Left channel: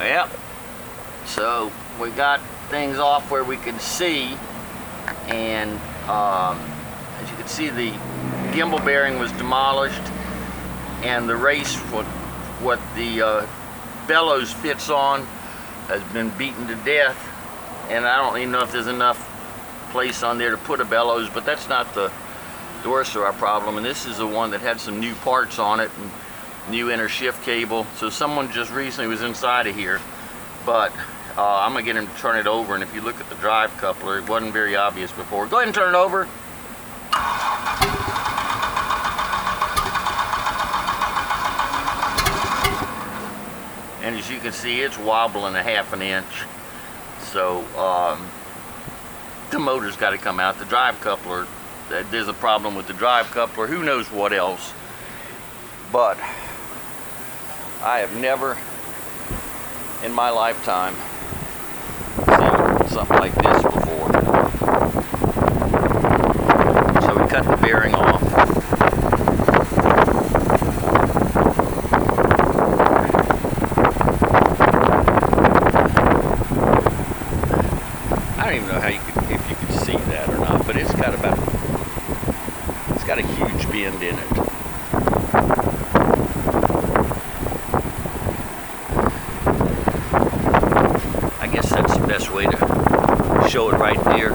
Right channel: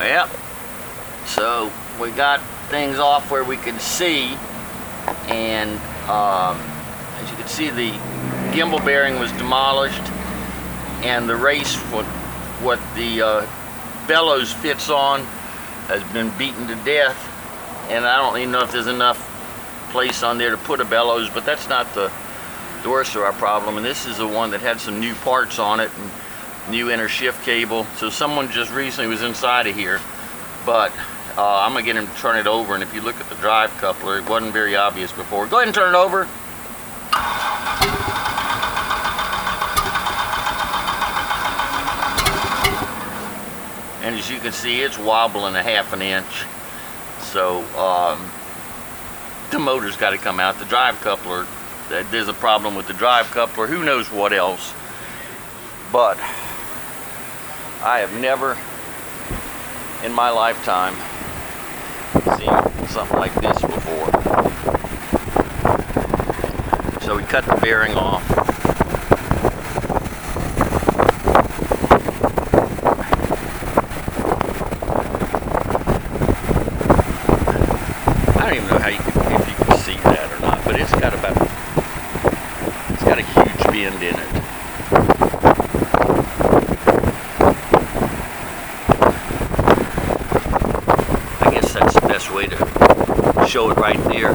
Yep. So we got things off where we can see, and as you can see, the gimbal bearing was demolished, and the race, what the bellows fits on, has been beaten to death. And I don't even know if there's enough place on there to put a bellows, but that's not the worst of our problem. And this is the one that had some new parts on it and new inner shift cable. So someone just recently was inside of here, but I'm gonna get him to turn it over. And if you look at the drive coupler, it wasn't very obvious before. Go ahead and turn it over. And as you can see, it's wobbling a ½ an inch. So the motor's got to come out. The drive coupler, there's a problem with the drive coupler. Who knows what else? But I have never in my lifetime seen something like this before. So we cut the bearing off. I don't even know how if you can see that or not, but it's got a huge bend in it. I guess that's the best way to show it right there.